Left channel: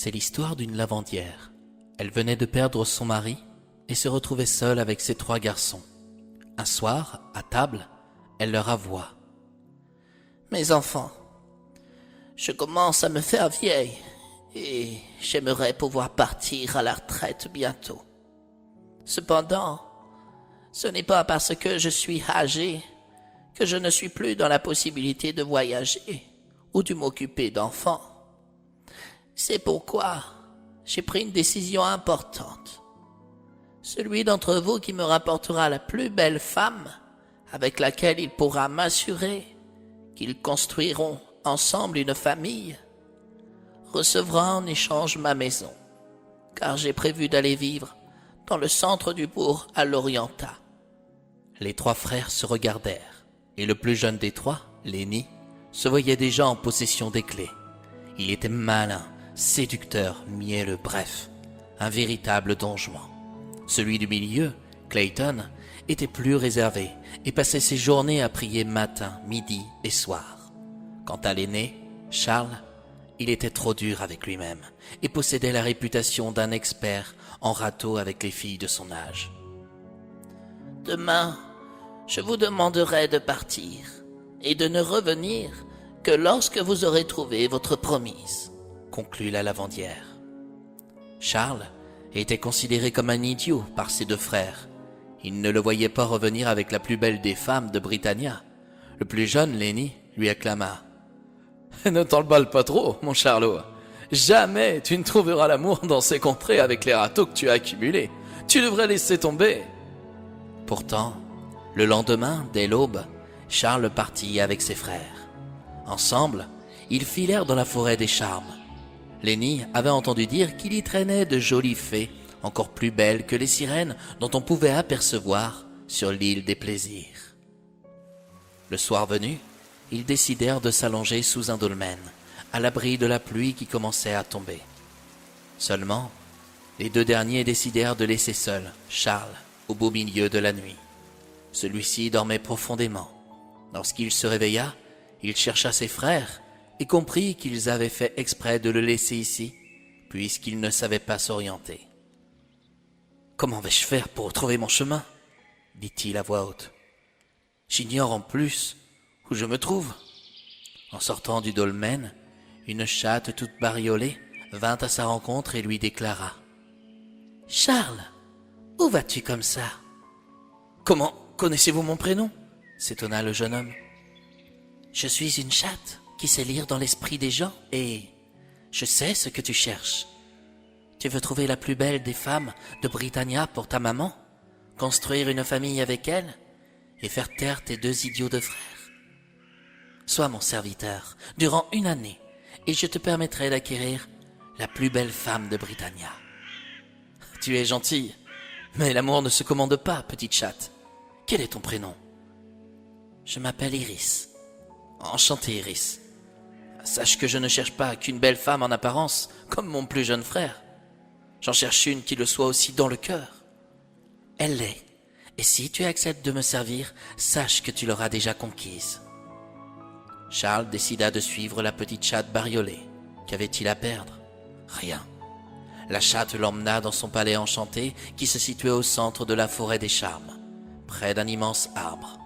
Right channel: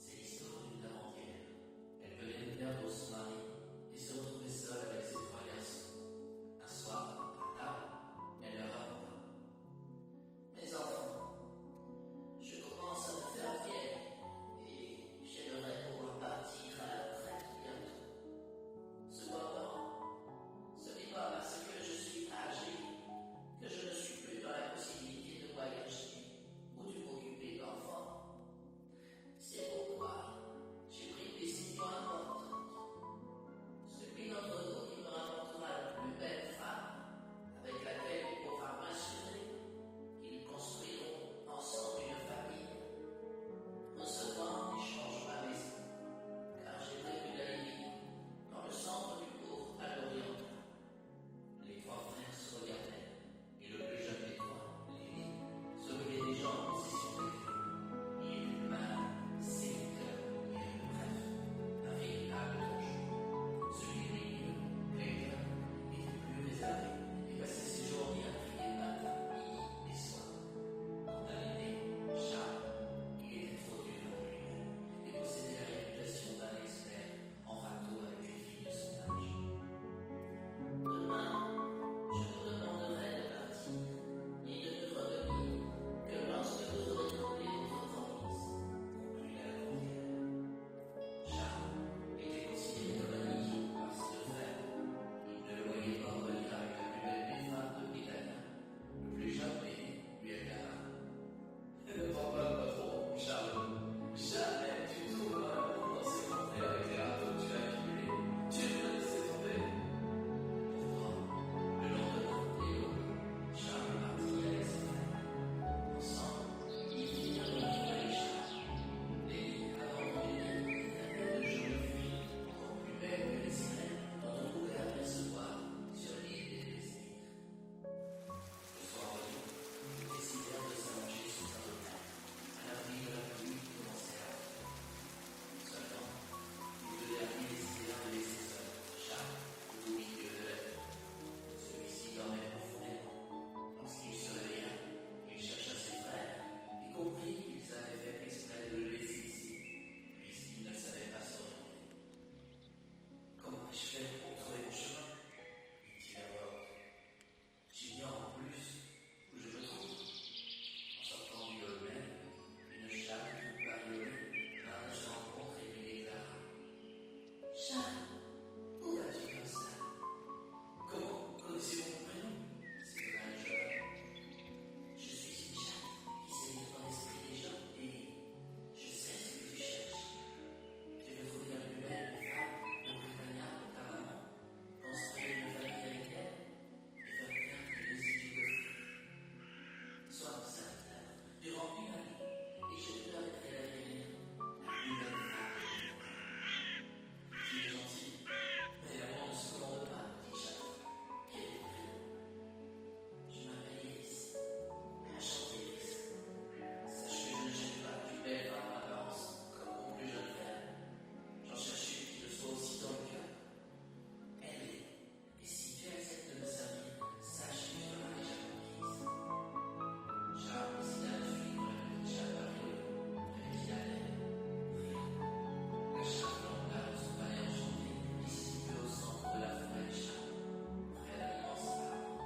C'est l'histoire d'une lavandière. Elle venait de perdre son mari et se retrouvait seule avec ses 3 garçons. Un soir, à table, elle leur avoua: « Mes enfants, je commence à me faire vieille et j'aimerais pouvoir partir à la retraite bientôt. Cependant, ce n'est pas parce que je suis âgé que je ne suis plus dans la possibilité de voyager ou de m'occuper d'enfants. C'est pourquoi j'ai pris une décision importante. Celui d'entre vous qui me rapportera la plus belle femme avec laquelle il pourra m'assurer qu'ils construiront ensemble une famille recevra en échange ma maison, car j'ai prévu d'aller vivre dans le centre du bourg à l'Orienta. » Les 3 frères se regardèrent, et le plus jeune des 3, Lenny, se voyait déjà en possession des clés. Il était malin, séducteur, mielleux, bref, un véritable don Juan. Celui du milieu, Clayton, était plus réservé et passait ses journées à prier matin, midi et soir. Quant à l'aîné, Charles, il était trop dur avec lui-même et possédait la réputation d'un expert en râteau avec les filles de son âge. « Demain, je vous demanderai de partir et de ne revenir que lorsque vous aurez trouvé votre promise, » conclut la lavandière. Charles était considéré comme un idiot par ses 2 frères. Ils ne le voyaient pas revenir avec la plus belle des femmes de Britannia. Le plus jeune, Lenny, lui acclama: « Ne t'emballe pas trop, mon Charlot. Jamais tu ne trouveras l'amour dans ces contrées avec les râteaux que tu as accumulés. Tu devrais laisser tomber. » Pourtant, le lendemain, dès l'aube, Charles partit avec ses frères. Ensemble, ils filèrent dans la forêt des charmes. Lenny avait entendu dire qu'il y traînait de jolies fées, encore plus belles que les sirènes dont on pouvait apercevoir sur l'île des plaisirs. Le soir venu, ils décidèrent de s'allonger sous un dolmen, à l'abri de la pluie qui commençait à tomber. Seulement, les 2 derniers décidèrent de laisser seul Charles au beau milieu de la nuit. Celui-ci dormait profondément. Lorsqu'il se réveilla, il chercha ses frères et comprit qu'ils avaient fait exprès de le laisser ici, puisqu'il ne savait pas s'orienter. « Comment vais-je faire pour retrouver mon chemin ?» dit-il à voix haute. « J'ignore en plus où je me trouve. » En sortant du dolmen, une chatte toute bariolée vint à sa rencontre et lui déclara: « Charles, où vas-tu comme ça ?»« Comment connaissez-vous mon prénom ?» s'étonna le jeune homme. « Je suis une chatte qui sait lire dans l'esprit des gens et je sais ce que tu cherches. Tu veux trouver la plus belle des femmes de Britannia pour ta maman, construire une famille avec elle et faire taire tes 2 idiots de frères. Sois mon serviteur durant 1 année et je te permettrai d'acquérir la plus belle femme de Britannia. » « Tu es gentille, mais l'amour ne se commande pas, petite chatte. Quel est ton prénom ?»« Je m'appelle Iris. »« Enchanté, Iris. Sache que je ne cherche pas qu'une belle femme en apparence, comme mon plus jeune frère. J'en cherche une qui le soit aussi dans le cœur. Elle l'est, et si tu acceptes de me servir, sache que tu l'auras déjà conquise. » Charles décida de suivre la petite chatte bariolée. Qu'avait-il à perdre? Rien. La chatte l'emmena dans son palais enchanté qui se situait au centre de la forêt des charmes, près d'un immense arbre.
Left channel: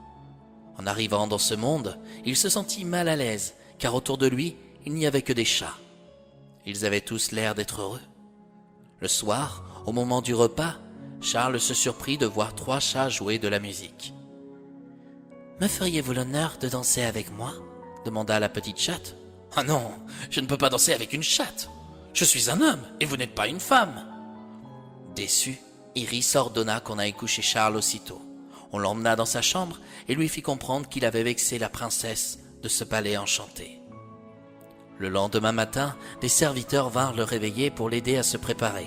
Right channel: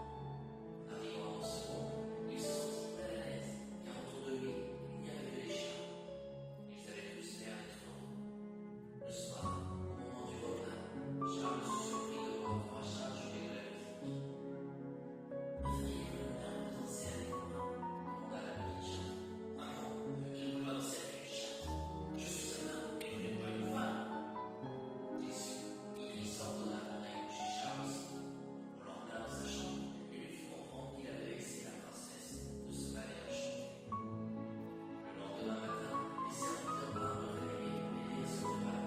En arrivant dans ce monde, il se sentit mal à l'aise, car autour de lui, il n'y avait que des chats. Ils avaient tous l'air d'être heureux. Le soir, au moment du repas, Charles se surprit de voir 3 chats jouer de la musique. « Me feriez-vous l'honneur de danser avec moi ?» demanda la petite chatte. « Ah non, je ne peux pas danser avec une chatte. Je suis un homme et vous n'êtes pas une femme. » Déçu, Iris ordonna qu'on aille coucher Charles aussitôt. On l'emmena dans sa chambre et lui fit comprendre qu'il avait vexé la princesse de ce palais enchanté. Le lendemain matin, des serviteurs vinrent le réveiller pour l'aider à se préparer.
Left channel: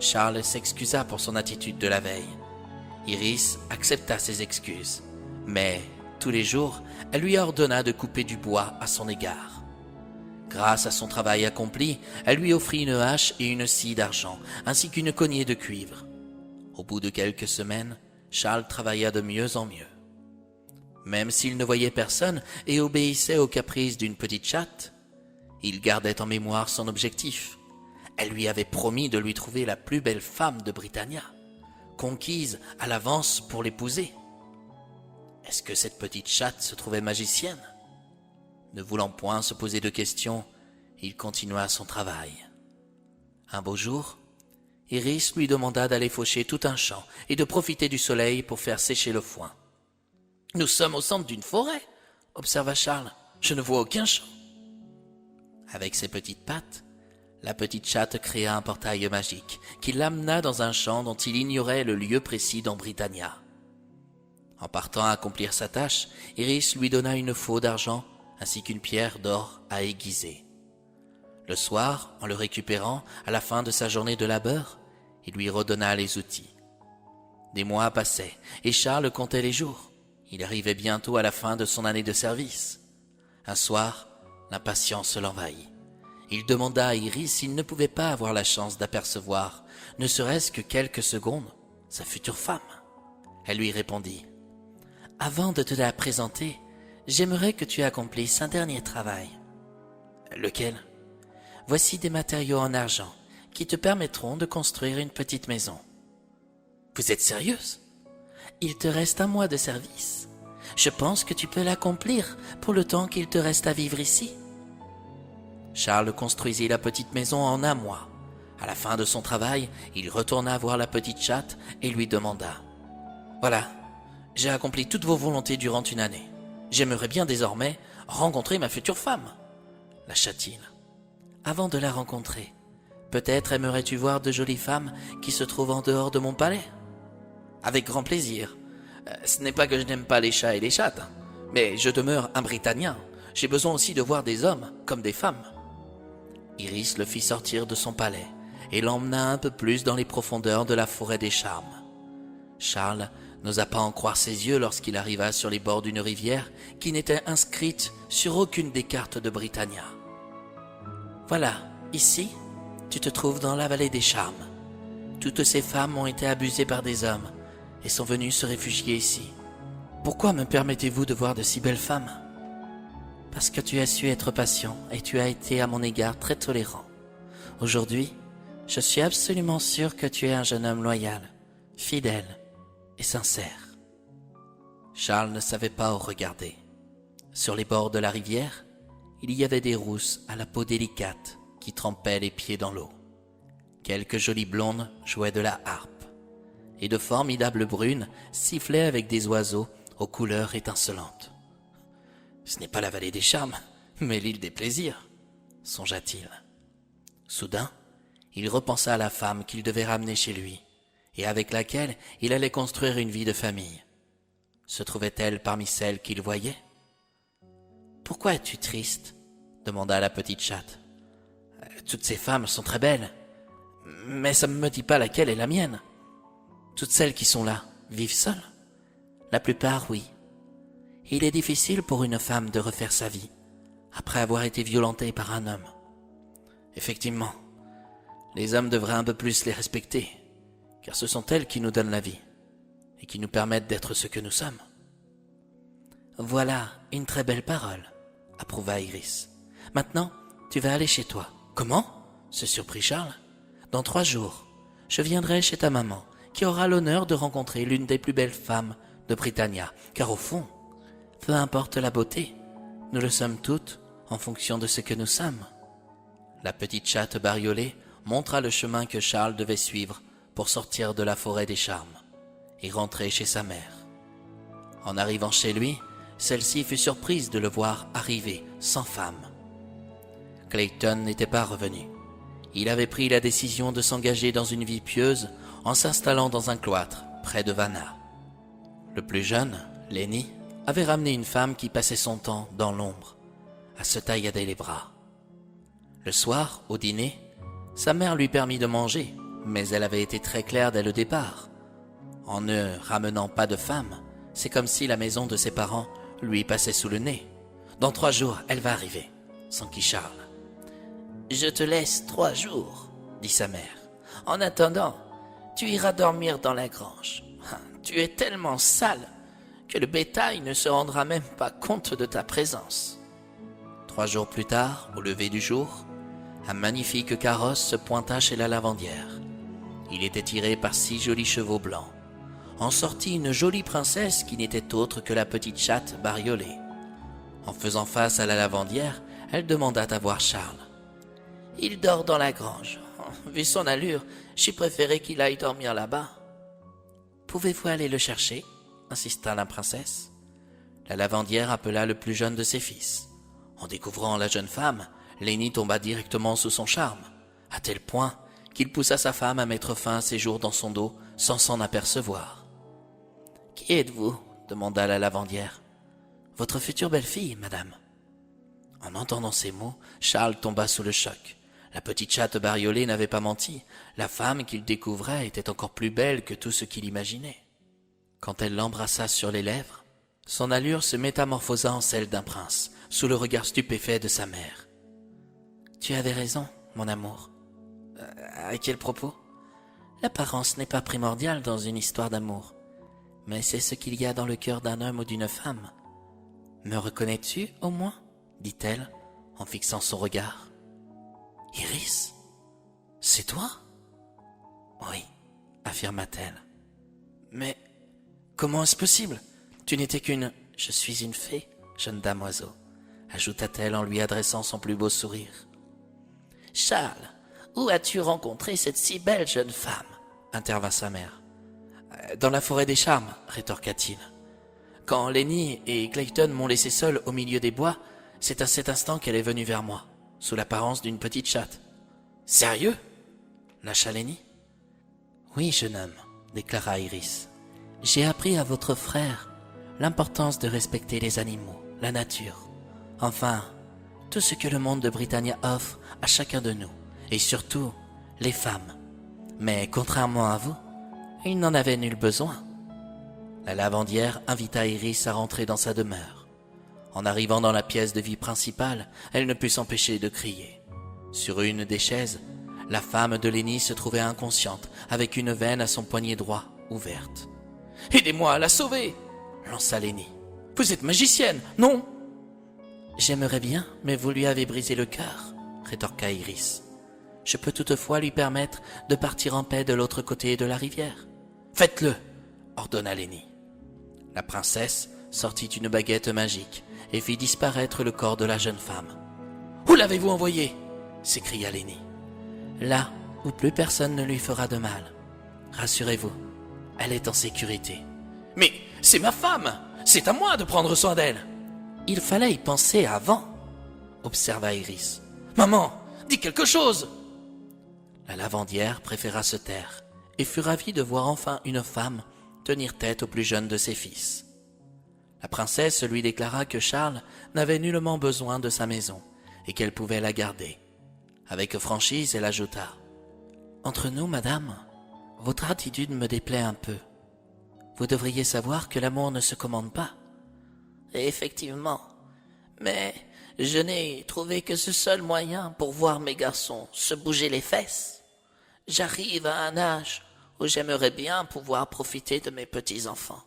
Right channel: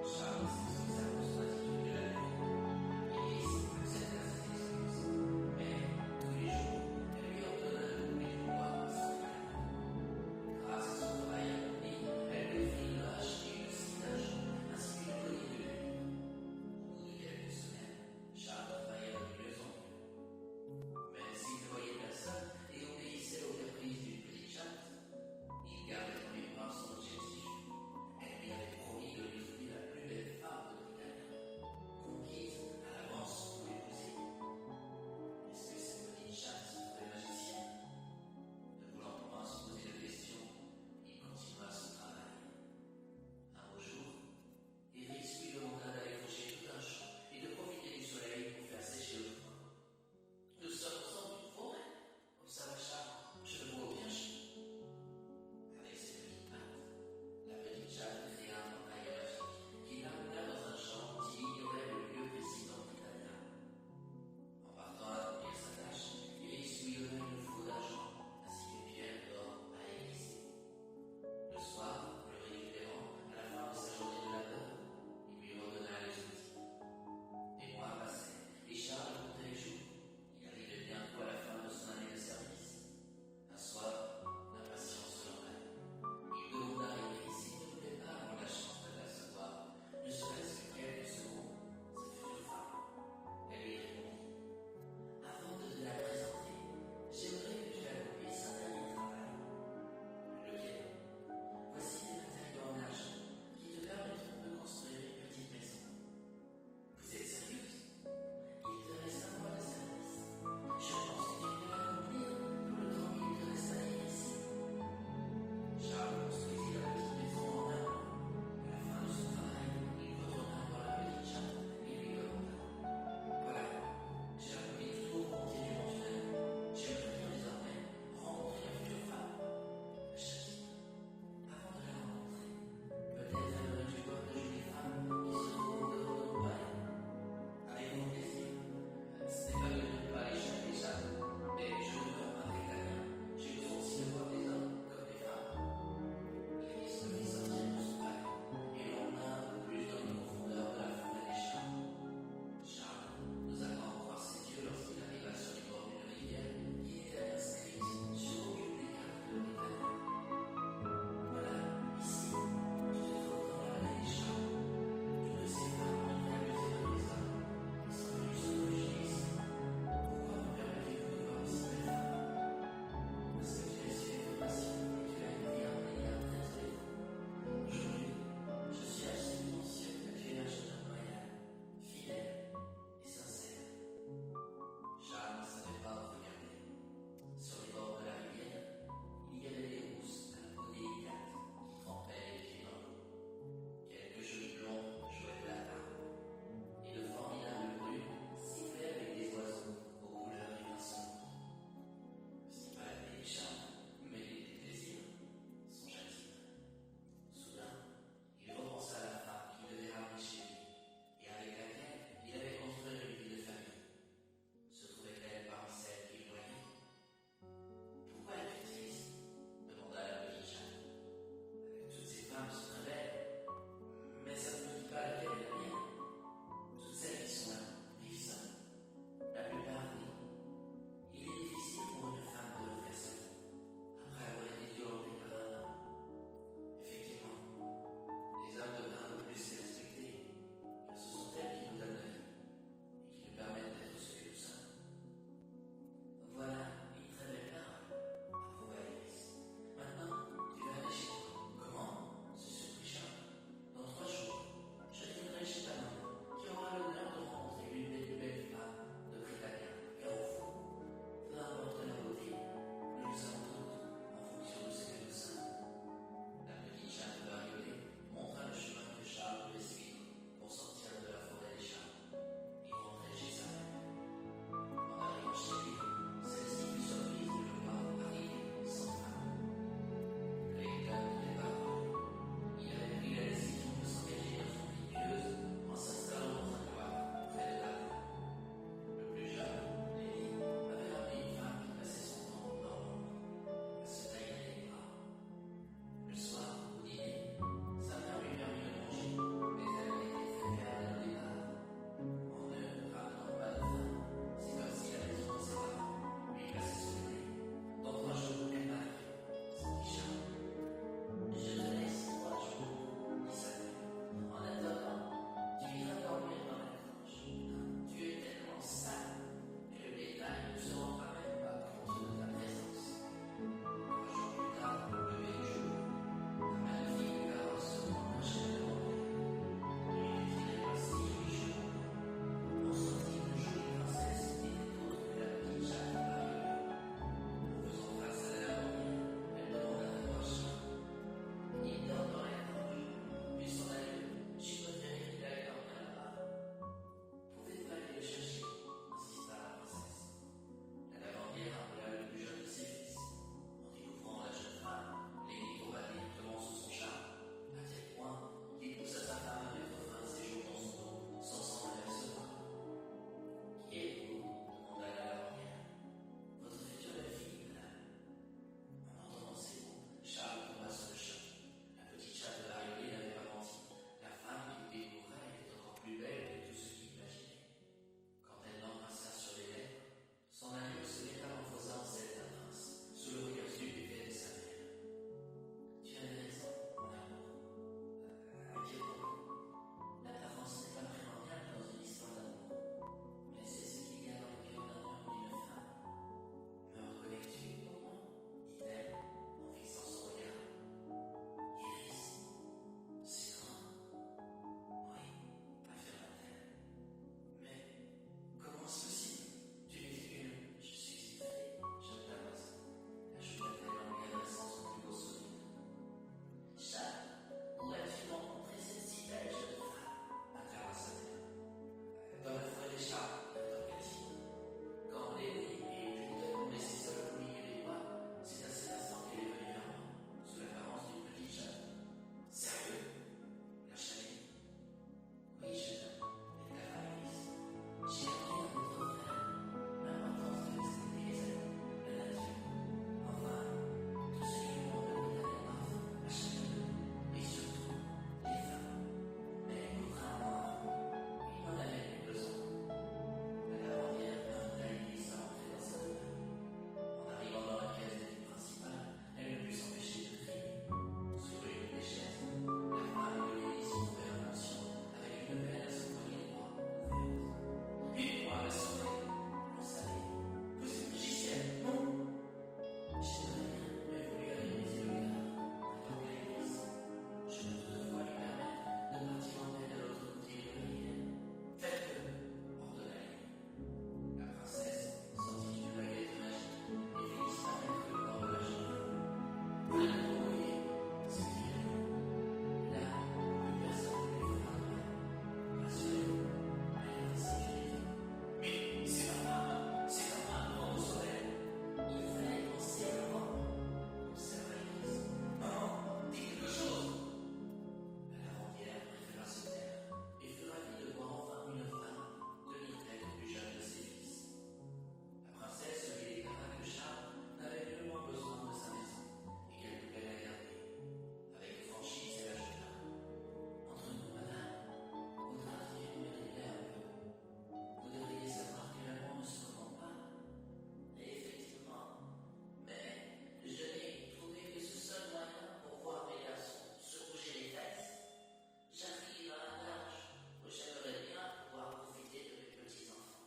Charles s'excusa pour son attitude de la veille. Iris accepta ses excuses, mais tous les jours, elle lui ordonna de couper du bois à son égard. Grâce à son travail accompli, elle lui offrit une hache et une scie d'argent, ainsi qu'une cognée de cuivre. Au bout de quelques semaines, Charles travailla de mieux en mieux. Même s'il ne voyait personne et obéissait aux caprices d'une petite chatte, il gardait en mémoire son objectif, Elle lui avait promis de lui trouver la plus belle femme de Britannia, conquise à l'avance pour l'épouser. Est-ce que cette petite chatte se trouvait magicienne? Ne voulant point se poser de questions, il continua son travail. Un beau jour, Iris lui demanda d'aller faucher tout un champ et de profiter du soleil pour faire sécher le foin. « Nous sommes au centre d'une forêt, » observa Charles. « Je ne vois aucun champ. » Avec ses petites pattes, la petite chatte créa un portail magique qui l'amena dans un champ dont il ignorait le lieu précis dans Britannia. En partant accomplir sa tâche, Iris lui donna une faux d'argent ainsi qu'une pierre d'or à aiguiser. Le soir, en le récupérant, à la fin de sa journée de labeur, il lui redonna les outils. Des mois passaient, et Charles comptait les jours. Il arrivait bientôt à la fin de son année de service. Un soir, l'impatience l'envahit. Il demanda à Iris s'il ne pouvait pas avoir la chance d'apercevoir, ne serait-ce que quelques secondes, sa future femme. Elle lui répondit « Avant de te la présenter, j'aimerais que tu accomplisses un dernier travail. »« Lequel ?»« Voici des matériaux en argent qui te permettront de construire une petite maison. »« Vous êtes sérieuse ? Il te reste un mois de service. Je pense que tu peux l'accomplir pour le temps qu'il te reste à vivre ici. » Charles construisit la petite maison en un mois. À la fin de son travail, il retourna voir la petite chatte et lui demanda « Voilà, j'ai accompli toutes vos volontés durant une année. J'aimerais bien désormais rencontrer ma future femme. » La chattine. « Avant de la rencontrer, peut-être aimerais-tu voir de jolies femmes qui se trouvent en dehors de mon palais ? » Avec grand plaisir. Ce n'est pas que je n'aime pas les chats et les chattes, mais je demeure un Britannia. J'ai besoin aussi de voir des hommes comme des femmes. Iris le fit sortir de son palais et l'emmena un peu plus dans les profondeurs de la forêt des charmes. Charles n'osa pas en croire ses yeux lorsqu'il arriva sur les bords d'une rivière qui n'était inscrite sur aucune des cartes de Britannia. « Voilà, ici, tu te trouves dans la vallée des charmes. Toutes ces femmes ont été abusées par des hommes et sont venues se réfugier ici. Pourquoi me permettez-vous de voir de si belles femmes ? Parce que tu as su être patient et tu as été à mon égard très tolérant. Aujourd'hui, je suis absolument sûr que tu es un jeune homme loyal, fidèle et sincère. » Charles ne savait pas où regarder. Sur les bords de la rivière, il y avait des rousses à la peau délicate qui trempaient les pieds dans l'eau. Quelques jolies blondes jouaient de la harpe, et de formidables brunes sifflaient avec des oiseaux aux couleurs étincelantes. « Ce n'est pas la vallée des charmes, mais l'île des plaisirs, » songea-t-il. Soudain, il repensa à la femme qu'il devait ramener chez lui, et avec laquelle il allait construire une vie de famille. Se trouvait-elle parmi celles qu'il voyait ? « Pourquoi es-tu triste ? » demanda la petite chatte. « Toutes ces femmes sont très belles, mais ça ne me dit pas laquelle est la mienne. Toutes celles qui sont là vivent seules ? La plupart, oui. Il est difficile pour une femme de refaire sa vie après avoir été violentée par un homme. Effectivement, les hommes devraient un peu plus les respecter, car ce sont elles qui nous donnent la vie et qui nous permettent d'être ce que nous sommes. » « Voilà une très belle parole, » approuva Iris. « Maintenant, tu vas aller chez toi. »« Comment ?» se surprit Charles. « Dans 3 jours, je viendrai chez ta maman, qui aura l'honneur de rencontrer l'une des plus belles femmes de Britannia, car au fond, peu importe la beauté, nous le sommes toutes en fonction de ce que nous sommes. » La petite chatte bariolée montra le chemin que Charles devait suivre pour sortir de la forêt des charmes et rentrer chez sa mère. En arrivant chez lui, celle-ci fut surprise de le voir arriver sans femme. Clayton n'était pas revenu. Il avait pris la décision de s'engager dans une vie pieuse en s'installant dans un cloître près de Vannes. Le plus jeune, Lenny, avait ramené une femme qui passait son temps dans l'ombre, à se taillader les bras. Le soir, au dîner, sa mère lui permit de manger, mais elle avait été très claire dès le départ. En ne ramenant pas de femme, c'est comme si la maison de ses parents lui passait sous le nez. « Dans 3 jours, elle va arriver, » s'enquit Charles. « Je te laisse 3 jours, » dit sa mère. « En attendant, tu iras dormir dans la grange. Tu es tellement sale que le bétail ne se rendra même pas compte de ta présence. » 3 jours plus tard, au lever du jour, un magnifique carrosse se pointa chez la lavandière. Il était tiré par 6 jolis chevaux blancs. En sortit une jolie princesse qui n'était autre que la petite chatte Bariolée. En faisant face à la lavandière, elle demanda à voir Charles. « Il dort dans la grange. Vu son allure, j'ai préféré qu'il aille dormir là-bas. »« Pouvez-vous aller le chercher ?» insista la princesse. La lavandière appela le plus jeune de ses fils. En découvrant la jeune femme, Lenny tomba directement sous son charme, à tel point qu'il poussa sa femme à mettre fin à ses jours dans son dos sans s'en apercevoir. « Qui êtes-vous » demanda la lavandière. « Votre future belle-fille, madame. » En entendant ces mots, Charles tomba sous le choc. La petite chatte Bariolée n'avait pas menti. La femme qu'il découvrait était encore plus belle que tout ce qu'il imaginait. Quand elle l'embrassa sur les lèvres, son allure se métamorphosa en celle d'un prince, sous le regard stupéfait de sa mère. « Tu avais raison, mon amour. » À quel propos ? L'apparence n'est pas primordiale dans une histoire d'amour, mais c'est ce qu'il y a dans le cœur d'un homme ou d'une femme. Me reconnais-tu, au moins ? Dit-elle, en fixant son regard. Iris, c'est toi ? Oui, affirma-t-elle. Mais comment est-ce possible ? Tu n'étais qu'une... Je suis une fée, jeune dame oiseau, ajouta-t-elle en lui adressant son plus beau sourire. Charles, où as-tu rencontré cette si belle jeune femme ? Intervint sa mère. Dans la forêt des charmes, rétorqua-t-il. Quand Lenny et Clayton m'ont laissé seul au milieu des bois, c'est à cet instant qu'elle est venue vers moi, sous l'apparence d'une petite chatte. Sérieux ? Lâcha Lenny. Oui, jeune homme, déclara Iris. J'ai appris à votre frère l'importance de respecter les animaux, la nature, enfin, tout ce que le monde de Britannia offre à chacun de nous, et surtout les femmes. Mais contrairement à vous, il n'en avait nul besoin. La lavandière invita Iris à rentrer dans sa demeure. En arrivant dans la pièce de vie principale, elle ne put s'empêcher de crier. Sur une des chaises, la femme de Lenny se trouvait inconsciente, avec une veine à son poignet droit ouverte. « Aidez-moi à la sauver !» lança Lenny. « Vous êtes magicienne, non ?»« J'aimerais bien, mais vous lui avez brisé le cœur, » rétorqua Iris. « Je peux toutefois lui permettre de partir en paix de l'autre côté de la rivière. »« Faites-le !» ordonna Lenny. La princesse sortit une baguette magique et fit disparaître le corps de la jeune femme. « Où l'avez-vous envoyée ?» s'écria Lenny. « Là où plus personne ne lui fera de mal. Rassurez-vous, elle est en sécurité. »« Mais c'est ma femme! C'est à moi de prendre soin d'elle !»« Il fallait y penser avant, » observa Iris. « Maman, dis quelque chose !» La lavandière préféra se taire et fut ravie de voir enfin une femme tenir tête au plus jeune de ses fils. La princesse lui déclara que Charles n'avait nullement besoin de sa maison et qu'elle pouvait la garder. Avec franchise, elle ajouta « Entre nous, madame, votre attitude me déplaît un peu. Vous devriez savoir que l'amour ne se commande pas. » Effectivement, mais je n'ai trouvé que ce seul moyen pour voir mes garçons se bouger les fesses. J'arrive à un âge où j'aimerais bien pouvoir profiter de mes petits-enfants.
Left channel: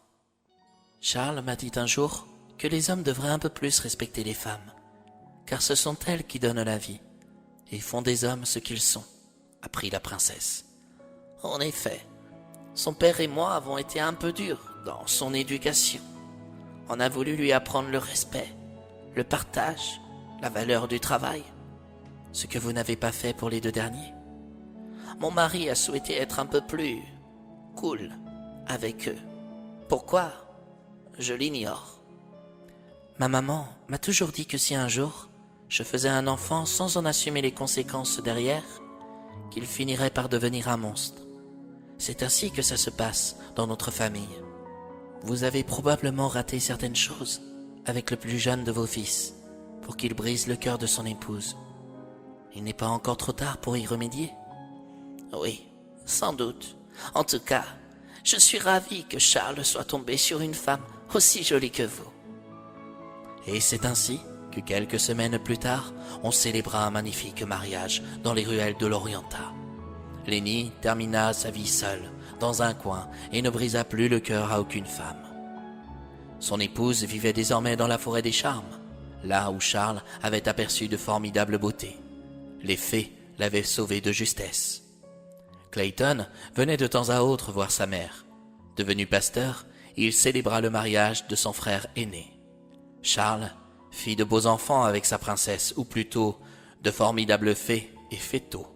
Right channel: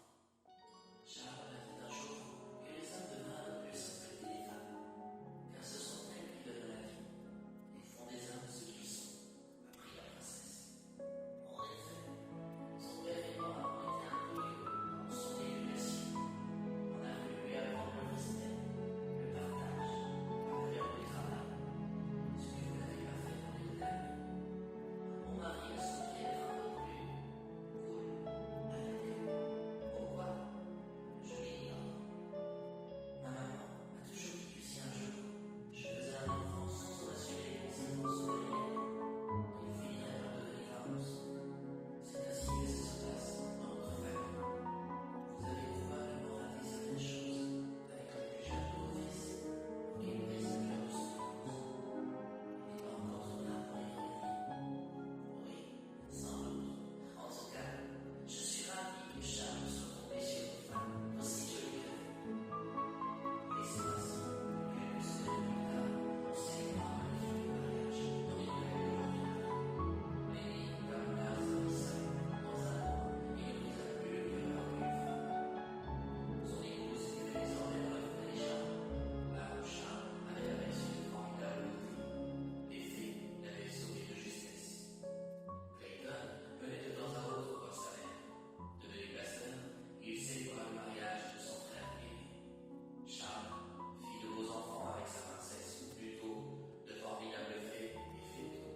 Charles m'a dit un jour que les hommes devraient un peu plus respecter les femmes, car ce sont elles qui donnent la vie et font des hommes ce qu'ils sont, apprit la princesse. En effet, son père et moi avons été un peu durs dans son éducation. On a voulu lui apprendre le respect, le partage, la valeur du travail, ce que vous n'avez pas fait pour les 2 derniers. Mon mari a souhaité être un peu plus cool avec eux. Pourquoi ? Je l'ignore. Ma maman m'a toujours dit que si un jour je faisais un enfant sans en assumer les conséquences derrière, qu'il finirait par devenir un monstre. C'est ainsi que ça se passe dans notre famille. Vous avez probablement raté certaines choses avec le plus jeune de vos fils pour qu'il brise le cœur de son épouse. Il n'est pas encore trop tard pour y remédier ? Oui, sans doute. En tout cas, je suis ravi que Charles soit tombé sur une femme aussi jolie que vous. Et c'est ainsi que quelques semaines plus tard, on célébra un magnifique mariage dans les ruelles de l'Orienta. Lenny termina sa vie seule, dans un coin, et ne brisa plus le cœur à aucune femme. Son épouse vivait désormais dans la forêt des charmes, là où Charles avait aperçu de formidables beautés. les fées l'avaient sauvé de justesse. Clayton venait de temps à autre voir sa mère. Devenu pasteur, il célébra le mariage de son frère aîné. Charles fit de beaux enfants avec sa princesse, ou plutôt de formidables fées et fétaux,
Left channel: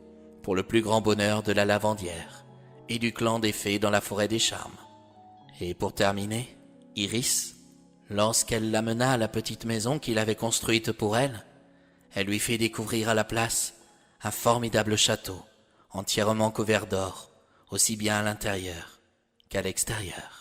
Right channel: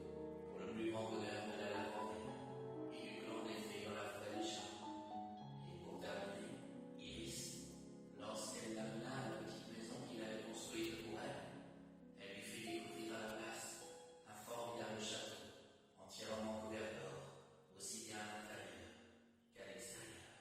pour le plus grand bonheur de la lavandière et du clan des fées dans la forêt des charmes. Et pour terminer, Iris, lorsqu'elle l'amena à la petite maison qu'il avait construite pour elle, elle lui fit découvrir à la place un formidable château, entièrement couvert d'or, aussi bien à l'intérieur qu'à l'extérieur.